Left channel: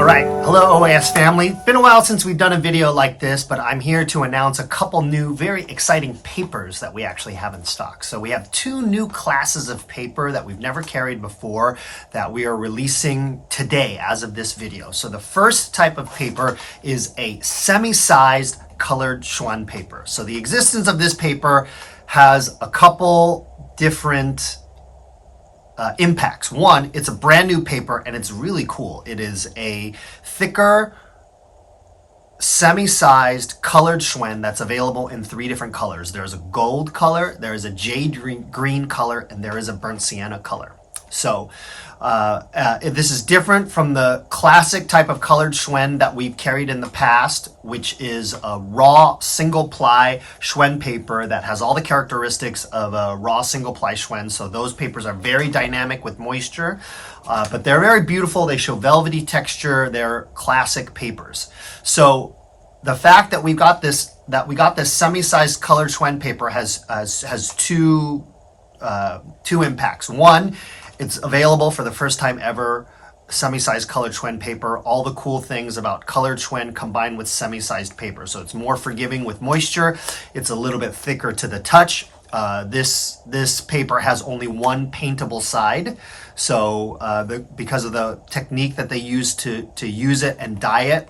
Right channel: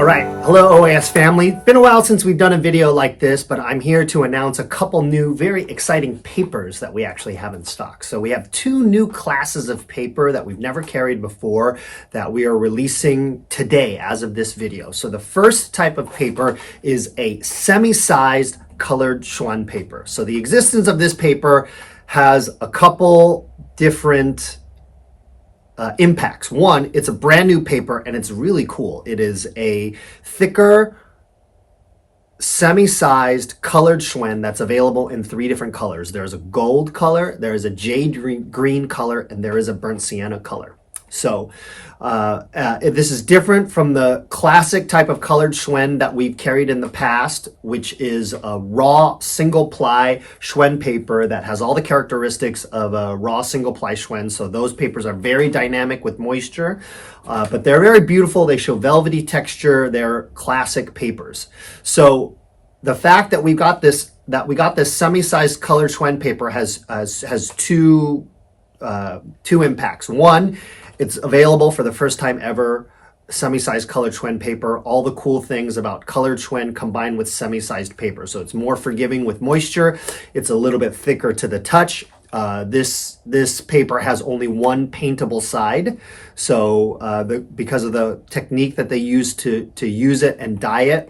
All right, hello OAS family. Been a while since we've done a video like this, but I'm here to announce a couple new very exciting papers that we actually have in stock. So we have two new classes of paper that we've never carried before that we are releasing today as of this video. So the first type of paper is a semi-sized colored Xuan paper. So the existence of this paper has a couple different impacts. One, it's a brand new paper and it's really cool. It is a thicker, semi-sized colored Xuan that's available in three different colors. There's a gold color, there is a jade green color, and there is a burnt sienna color. So this is different from the classic type of colored Xuan that we've carried in the past, which is a raw single ply Xuan paper that has all the characteristics of a raw single ply Xuan. So those papers are very dynamic with moisture, but they're very beautiful. They show velvety texture. They're classic papers. So the fact that we got this semi-sized colored Xuan paper has two impacts. One, it's available for the first time ever, semi-sized colored Xuan paper. All the cool things about colored Xuan combined with semi-sized paper. So it's more forgiving with moisture. It's a little bit thicker to the touch. This paper has only one paintable side. So because of the technique that they use to use it and dye it,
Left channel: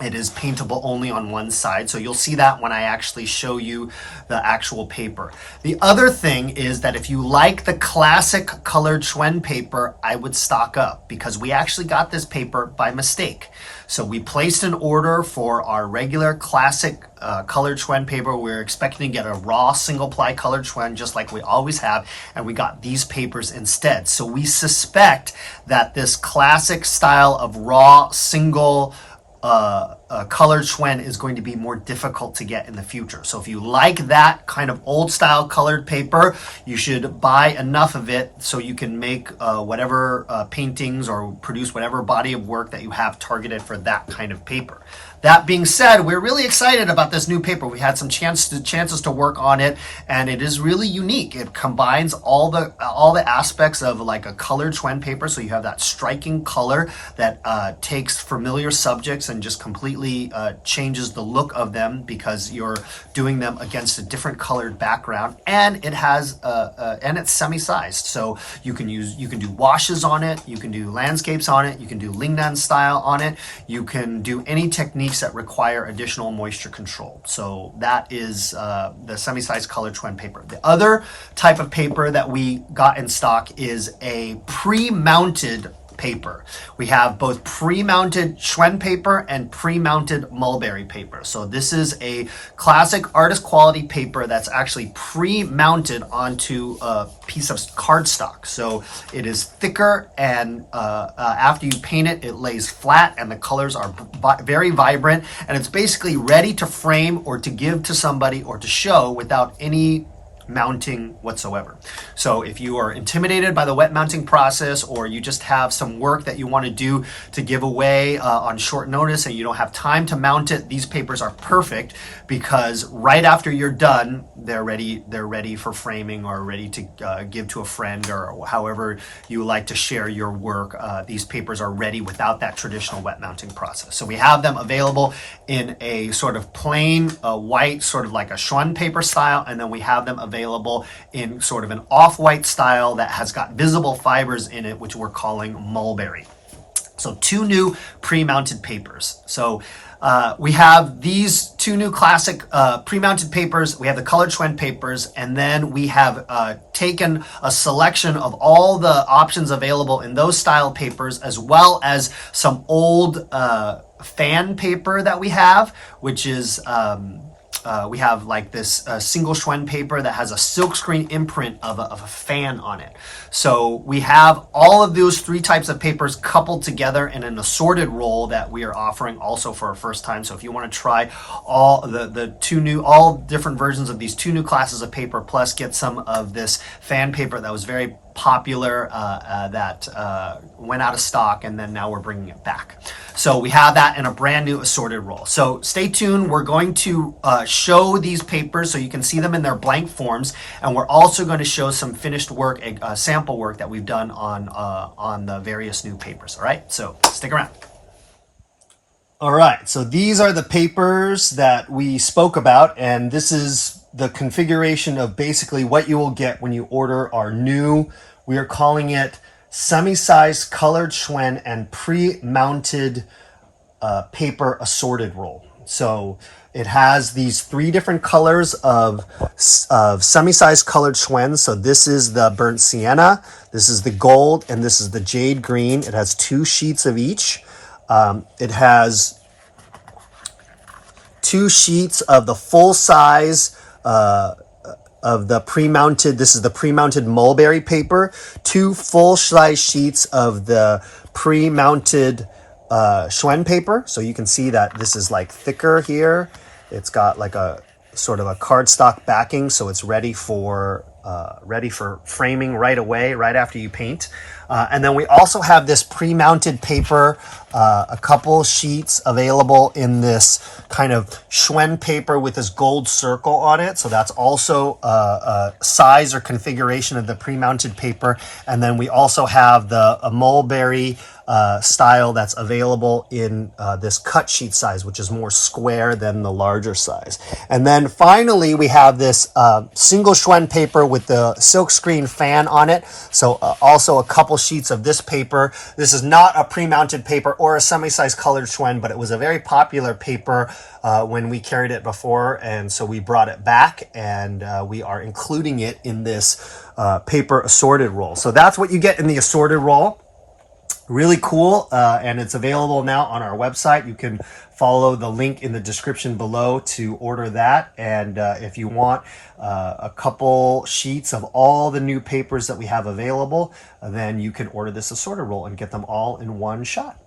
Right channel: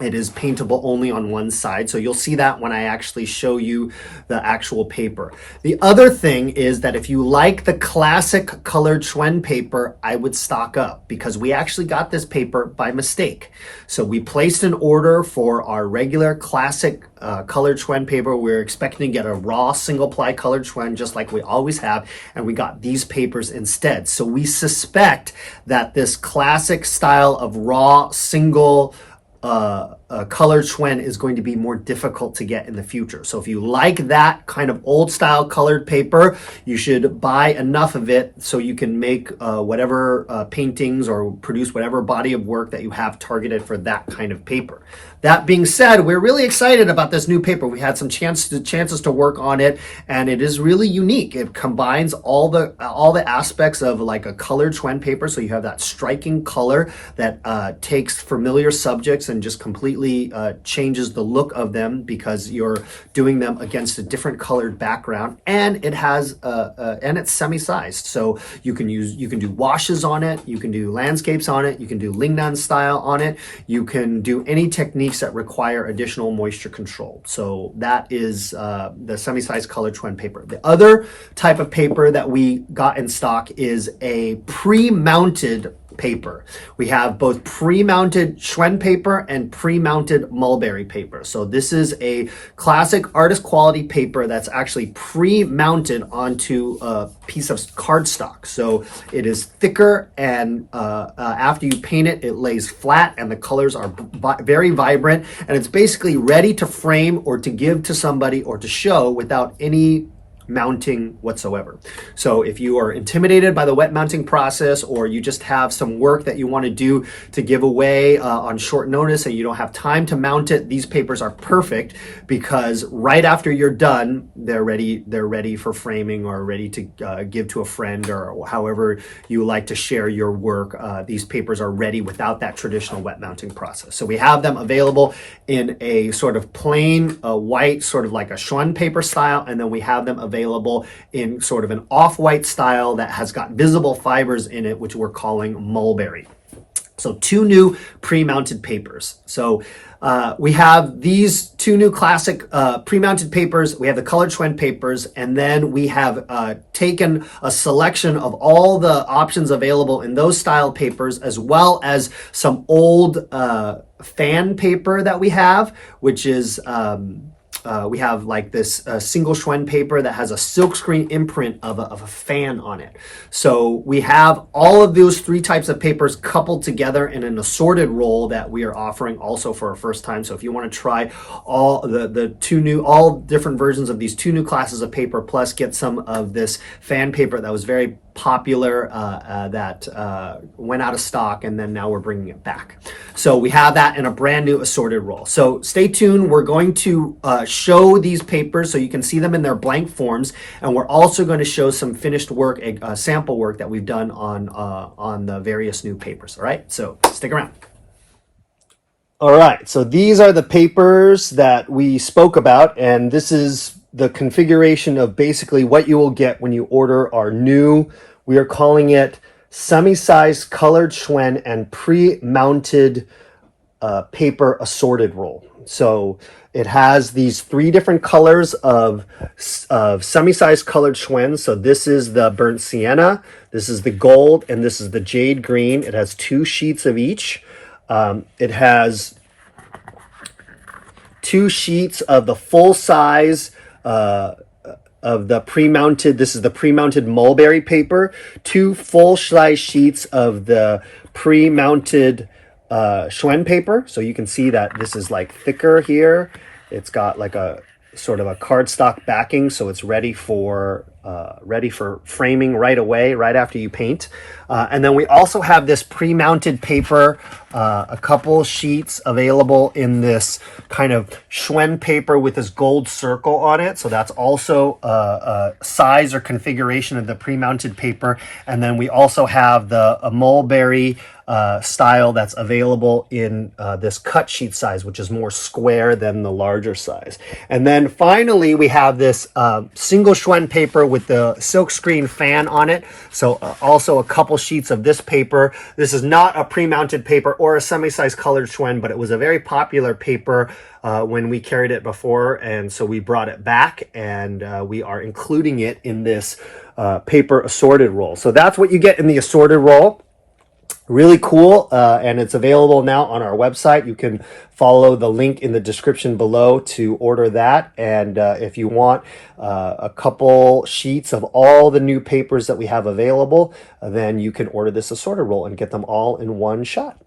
it is paintable only on one side. So you'll see that when I actually show you the actual paper. The other thing is that if you like the classic colored Xuan paper, I would stock up because we actually got this paper by mistake. So we placed an order for our regular classic colored Xuan paper. We were expecting to get a raw single ply colored Xuan just like we always have, and we got these papers instead. So we suspect that this classic style of raw single colored Xuan is going to be more difficult to get in the future. So if you like that kind of old style colored paper, you should buy enough of it so you can make whatever paintings or produce whatever body of work that you have targeted for that kind of paper. That being said, we're really excited about this new paper. We had some chances to work on it, and it is really unique. It combines all the aspects of like a colored Xuan paper. So you have that striking color that takes familiar subjects and just completely changes the look of them because you're doing them against a different colored background, and it has and it's semi-sized. So you can do washes on it, you can do landscapes on it, you can do Lingnan style on it, you can do any technique that require additional moisture control. So that is the semi-sized colored Xuan paper. The other type of paper that we got in stock is a pre-mounted paper. We have both pre-mounted Xuan paper and pre-mounted mulberry paper. So this is a classic artist quality paper that's actually pre-mounted onto a piece of cardstock. So it is thicker, and after you paint it, it lays flat and the colors are very vibrant, and it's basically ready to frame or to give to somebody or to show without any mounting whatsoever. So if you are intimidated by the wet mounting process, or you just have some work that you want to do to give away on short notice and you don't have time to mount it, these papers are perfect because right after you're done, they're ready for framing or ready to give to a friend, or however you like to share your work. These papers are ready without that traditional wet mounting process. So we have them available in a sort of plain white, sort of like a Xuan paper style, and then we have them available in sort of an off-white style that has got visible fibers in it, which we're calling mulberry. So two new pre-mounted papers. So we have these two new classic pre-mounted papers. We have the colored Xuan papers, and then we have taken a selection of all the options available in those style papers, as well as some old fan paper that we have, which is we have like this single Xuan paper that has a silkscreen imprint of a fan on it. So we have all of those three types of papers coupled together in an assorted roll that we are offering also for our first time. So if you want to try all all different versions of these two new classes of paper, plus get some of this fan paper that was very popular that went out of stock, and then now we're bringing it back. So we have that in a brand new assorted roll. So stay tuned. We're going to show these papers so you can see them in their blank forms, and we're also going to show some finished work, sample work that we've done on the various new papers. All right, so stick around. All right, so these are the papers that we spoke about, and this is the configuration of basically what you will get when you order our new, we are calling it semi-sized colored Xuan and pre-mounted paper assorted roll. So it has these three different colors of semi-sized colored Xuan. So this is the burnt sienna, this is the gold, and this is the jade green. It has 2 sheets of each. It has 2 sheets of the full size of the pre-mounted, this is the pre-mounted mulberry paper, 2 full-size sheets of the pre-mounted Xuan paper. So you can see that this is like thicker here. It's got like a sort of a cardstock backing, so it's ready for framing right away, right after you paint. And then we also have this pre-mounted paper, a couple sheets available in this kind of Xuan paper with this gold circle on it. So that's also a size or configuration of the pre-mounted paper. And then we also have the mulberry style that's available in this cut sheet size, which is more square than the larger size. And then finally, we have this single Xuan paper with the silkscreen fan on it. So also a couple sheets of this paper. This is not a pre-mounted paper or a semi-sized colored Xuan, but it was a very popular paper when we carried it before. And so we brought it back, and we are including it in this paper assorted roll. So that's what you get in the assorted roll. Really cool, and it's available now on our website. You can follow the link in the description below to order that. And if you want a couple sheets of all the new papers that we have available, then you can order this assorted roll and get them all in one shot.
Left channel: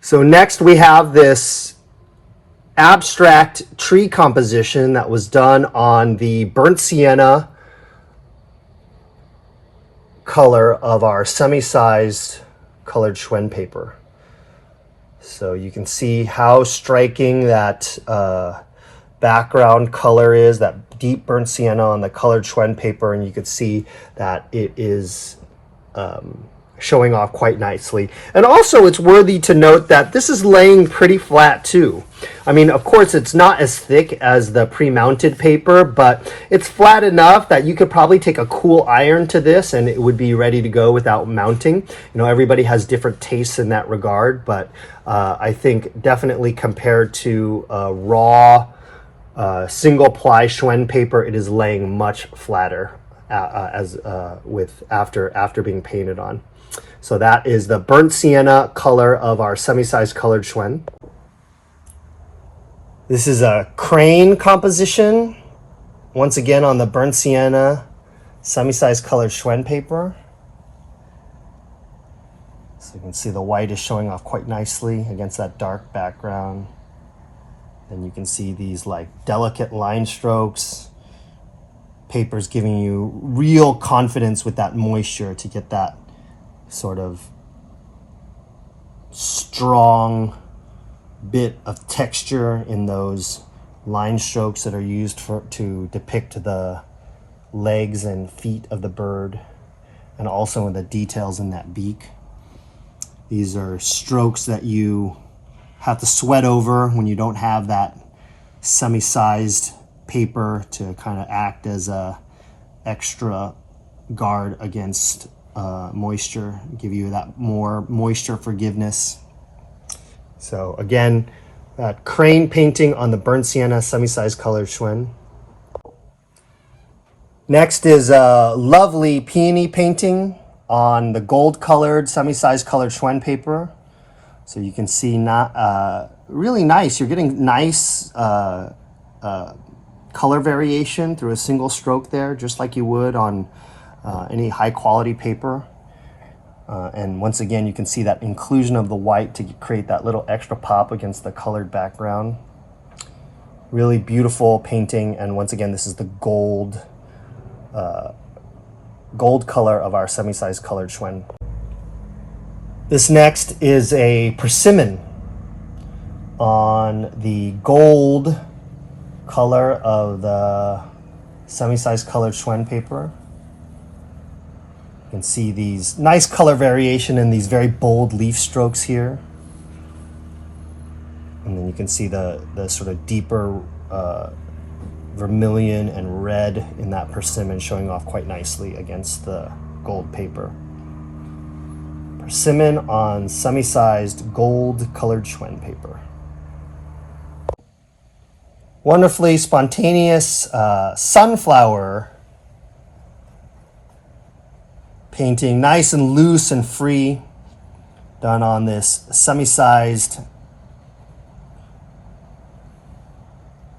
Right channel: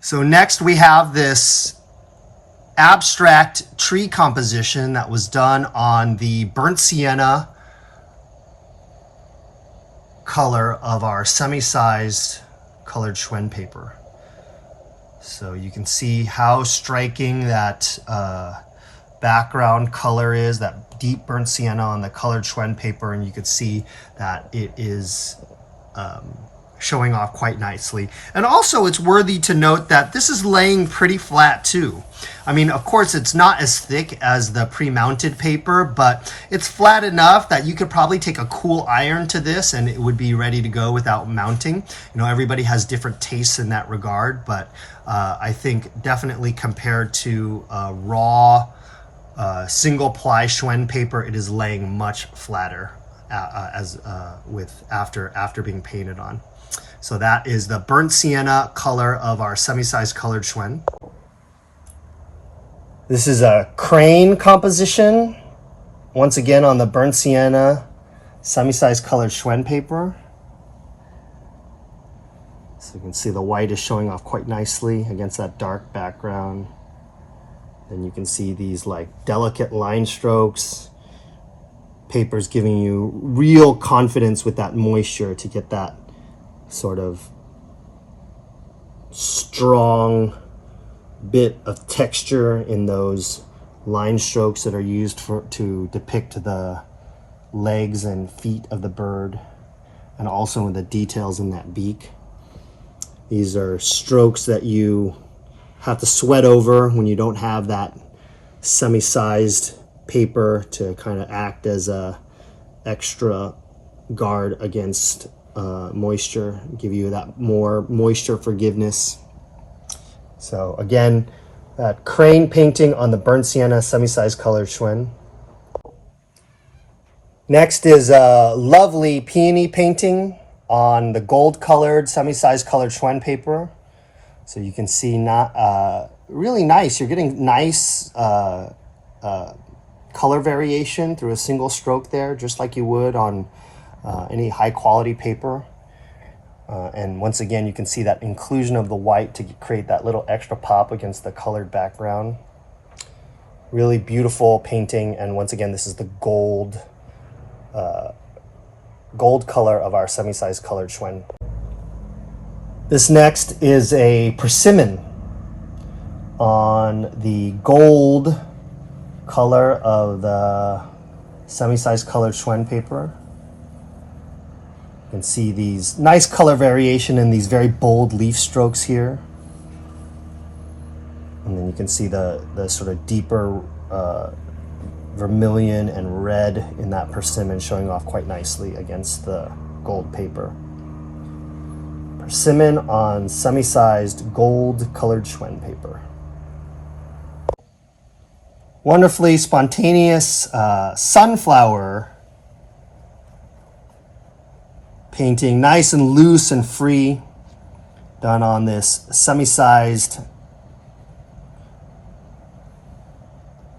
So next we have this abstract tree composition that was done on the burnt sienna color of our semi-sized colored Xuan paper. So you can see how striking that background color is, that deep burnt sienna on the colored Xuan paper, and you can see that it is showing off quite nicely. And also it's worthy to note that this is laying pretty flat too. I mean, of course it's not as thick as the pre-mounted paper, but it's flat enough that you could probably take a cool iron to this and it would be ready to go without mounting. You know, everybody has different tastes in that regard, but I think definitely compared to raw single ply Xuan paper, it is laying much flatter after being painted on. So that is the burnt sienna color of our semi-sized colored Xuan. This is a crane composition, once again on the burnt sienna semi-sized colored Xuan paper. So you can see the white is showing off quite nicely against that dark background. And you can see these like delicate line strokes. Paper's giving you real confidence with that moisture to get that sort of strong bit of texture in those line strokes that are used to depict the legs and feet of the bird, and also in the details in that beak. These are strokes that you have to sweat over when you don't have that semi-sized paper to kind of act as a extra guard against moisture, give you that more moisture forgiveness. So again, that crane painting on the burnt sienna semi-sized colored Xuan. Next is a lovely peony painting on the gold colored semi-sized colored Xuan paper. So you can see really nice. You're getting nice color variation through a single stroke there, just like you would on any high quality paper. And once again, you can see that inclusion of the white to create that little extra pop against the colored background. Really beautiful painting. And once again, this is the gold color of our semi-sized colored Xuan. This next is a persimmon on the gold color of the semi-sized colored Xuan paper. You can see these nice color variation in these very bold leaf strokes here. And then you can see the sort of deeper vermilion and red in that persimmon showing off quite nicely against the gold paper. Persimmon on semi-sized gold colored Xuan paper. Wonderfully spontaneous sunflower painting, nice and loose and free, done on this semi-sized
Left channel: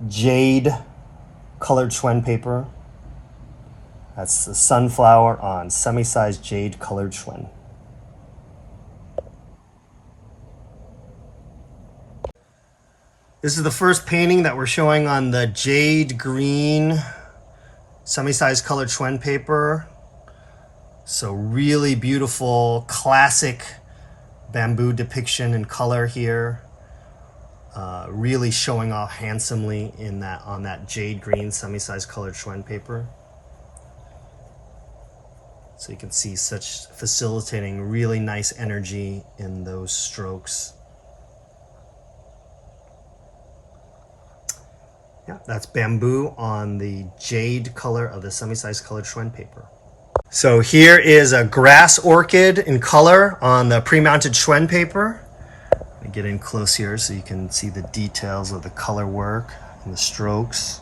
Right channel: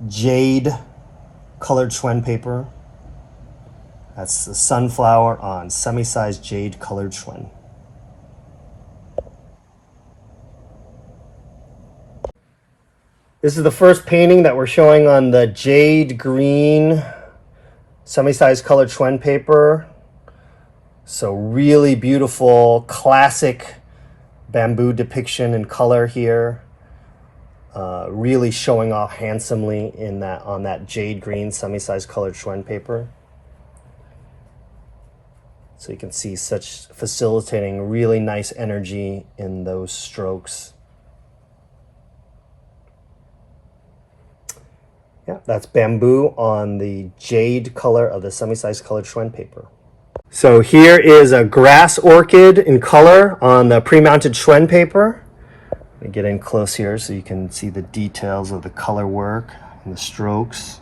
jade colored Xuan paper. That's the sunflower on semi-sized jade colored Xuan. This is the first painting that we're showing on the jade green semi-sized colored Xuan paper. So really beautiful, classic bamboo depiction in color here. Really showing off handsomely in that on that jade green semi-sized colored Xuan paper. So you can see such facilitating really nice energy in those strokes. Yeah, that's bamboo on the jade color of the semi-sized colored Xuan paper. So here is a grass orchid in color on the pre-mounted Xuan paper. Let me get in close here so you can see the details of the color work and the strokes.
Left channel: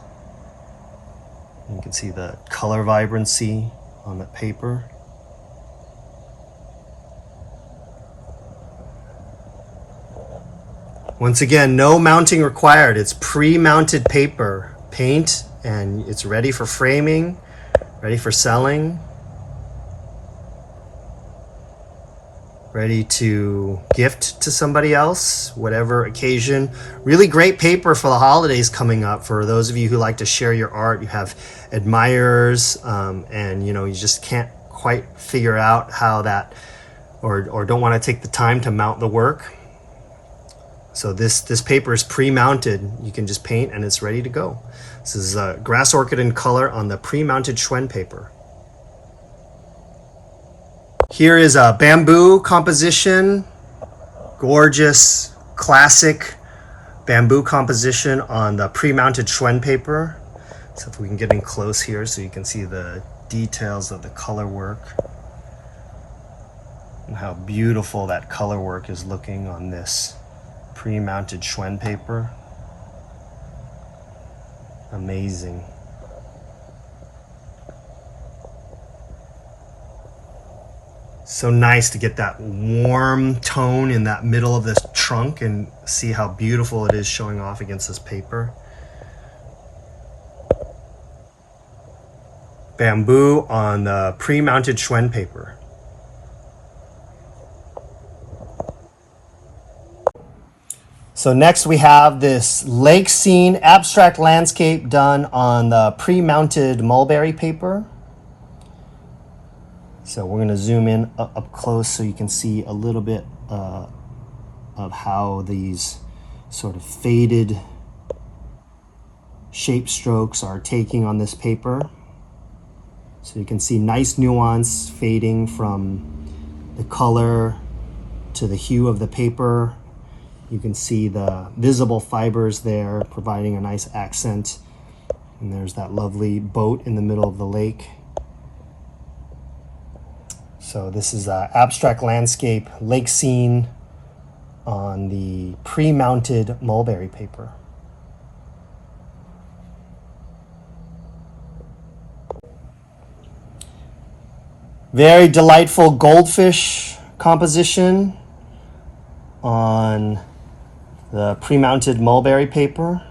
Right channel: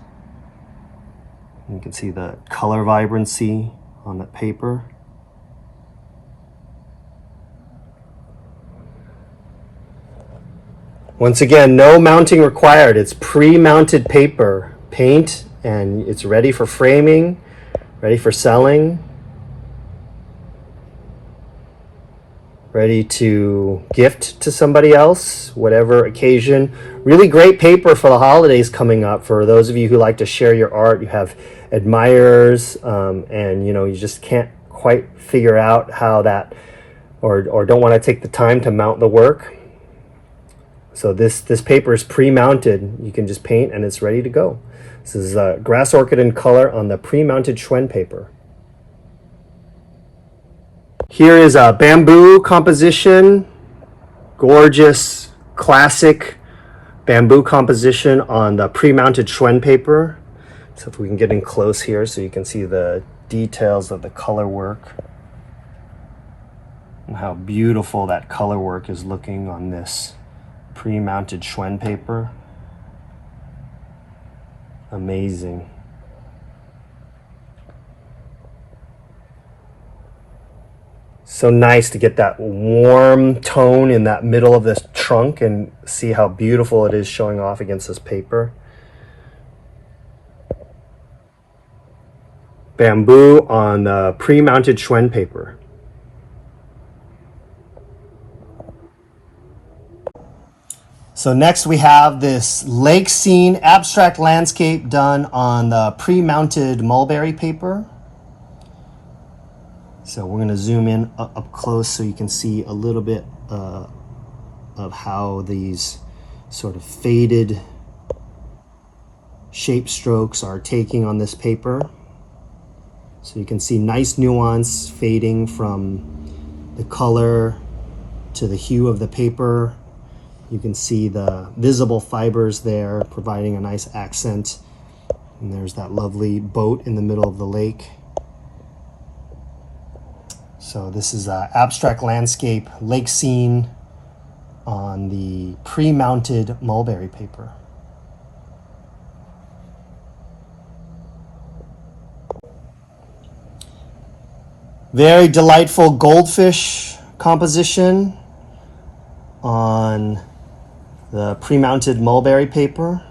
You can see the color vibrancy on the paper. Once again, no mounting required. It's pre-mounted paper, paint, and it's ready for framing, ready for selling, ready to gift to somebody else, whatever occasion. Really great paper for the holidays coming up. For those of you who like to share your art, you have admirers, and you just can't quite figure out how that, or don't want to take the time to mount the work. So this paper is pre-mounted. You can just paint and it's ready to go. This is grass orchid in color on the pre-mounted Xuan paper. Here is a bamboo composition, gorgeous, classic bamboo composition on the pre-mounted Xuan paper. So if we can get in close here so you can see the details of the color work and how beautiful that color work is looking on this pre-mounted Xuan paper. Amazing. So nice to get that warm tone in that middle of this trunk and see how beautiful it is showing off against this paper. Bamboo on the pre-mounted Xuan paper. So next we have this lake scene abstract landscape done on the pre-mounted mulberry paper. So we're going to zoom in up close so you can see a little bit of how these sort of faded shape strokes are taking on this paper. So you can see nice nuance fading from the color to the hue of the paper. You can see the visible fibers there providing a nice accent. And there's that lovely boat in the middle of the lake. So this is an abstract landscape lake scene on the pre-mounted mulberry paper. Very delightful goldfish composition on the pre-mounted mulberry paper.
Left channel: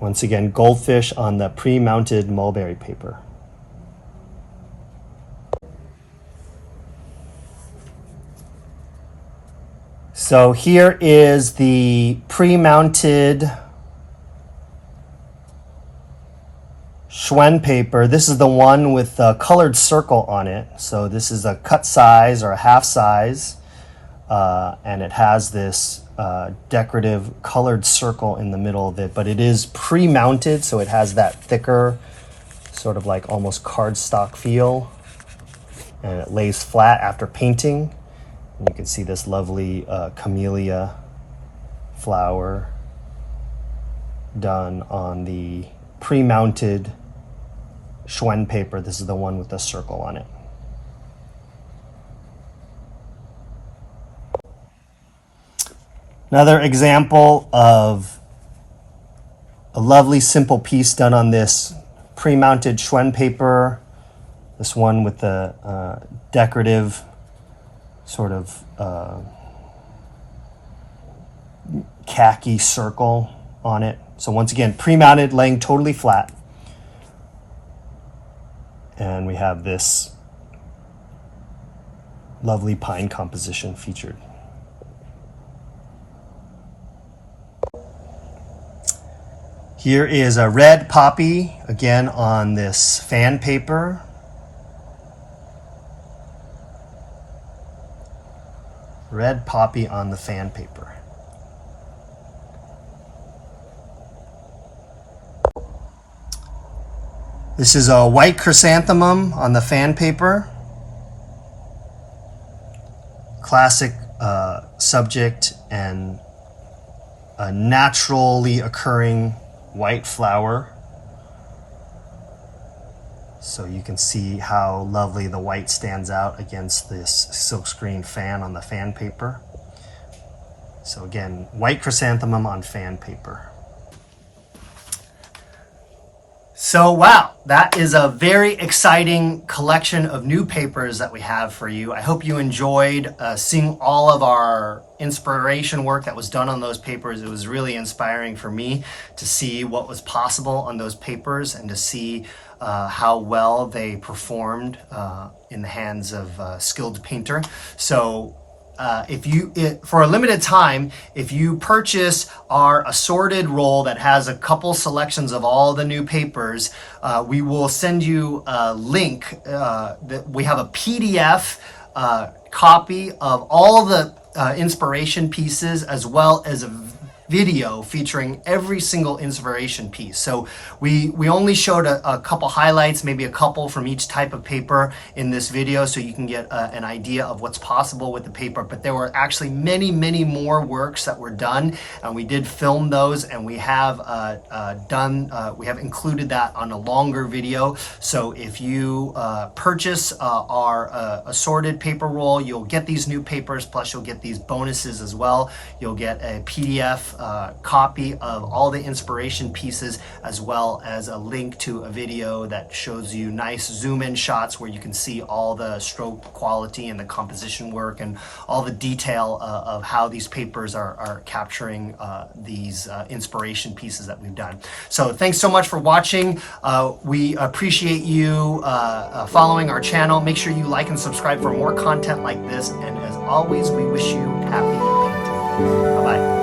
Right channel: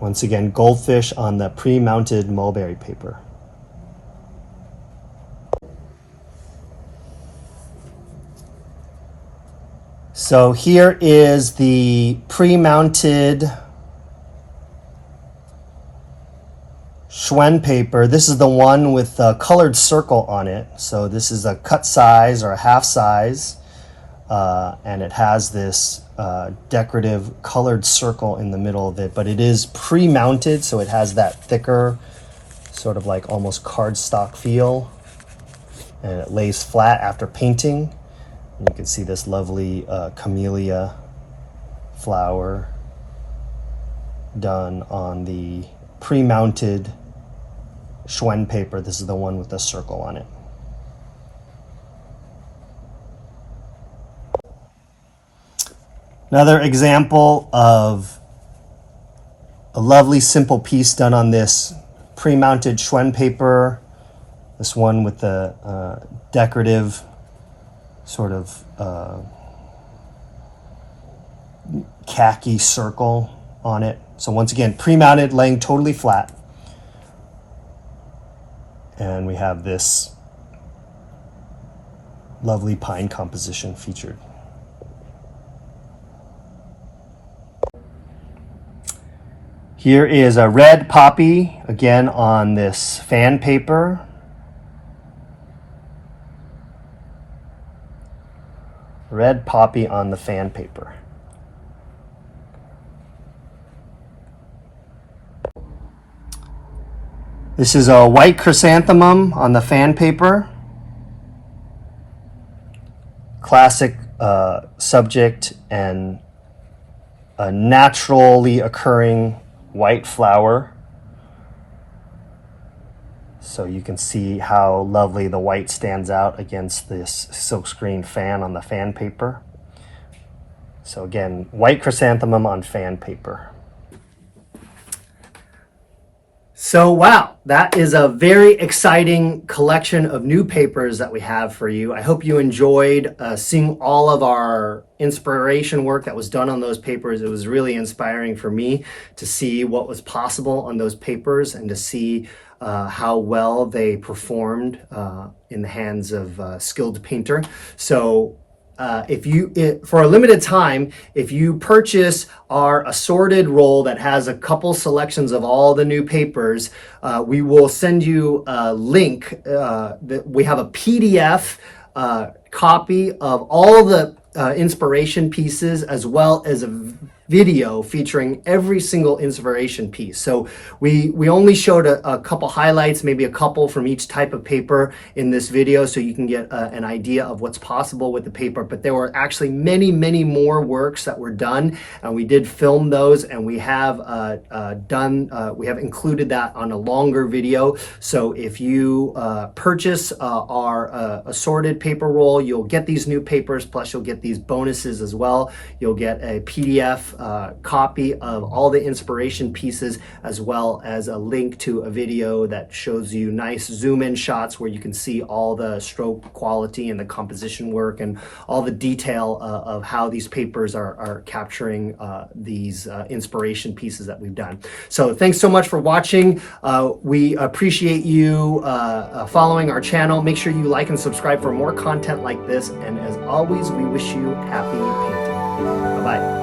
Once again, goldfish on the pre-mounted mulberry paper. So here is the pre-mounted Xuan paper. This is the one with the colored circle on it. So this is a cut size or a half size and it has this decorative colored circle in the middle of it, but it is pre-mounted, so it has that thicker, sort of like almost cardstock feel, and it lays flat after painting. And you can see this lovely camellia flower done on the pre-mounted Xuan paper. This is the one with the circle on it. Another example of a lovely simple piece done on this pre-mounted Xuan paper. This one with the decorative sort of khaki circle on it. So once again, pre-mounted, laying totally flat. And we have this lovely pine composition featured. Here is a red poppy, again on this fan paper. Red poppy on the fan paper. This is a white chrysanthemum on the fan paper. Classic subject and a naturally occurring white flower. So you can see how lovely the white stands out against this silkscreen fan on the fan paper. So again, white chrysanthemum on fan paper. So wow, that is a very exciting collection of new papers that we have for you. I hope you enjoyed seeing all of our inspiration work that was done on those papers. It was really inspiring for me to see what was possible on those papers and to see how well they performed in the hands of a skilled painter. So for a limited time, if you purchase our assorted roll that has a couple selections of all the new papers, we will send you a link. We have a PDF copy of all the inspiration pieces, as well as a video featuring every single inspiration piece. So we only showed a couple highlights, maybe a couple from each type of paper in this video, so you can get an idea of what's possible with the paper. But there were actually many, many more works that were done, and we did film those, and we have we have included that on a longer video. So if you purchase our assorted paper roll, you'll get these new papers, plus you'll get these bonuses as well. You'll get a PDF copy of all the inspiration pieces, as well as a link to a video that shows you nice zoom in shots where you can see all the stroke quality and the composition work and all the detail of how these papers are capturing these inspiration pieces that we've done. So thanks so much for watching. We appreciate you following our channel. Make sure you like and subscribe for more content like this. And as always, we wish you happy painting. Bye-bye.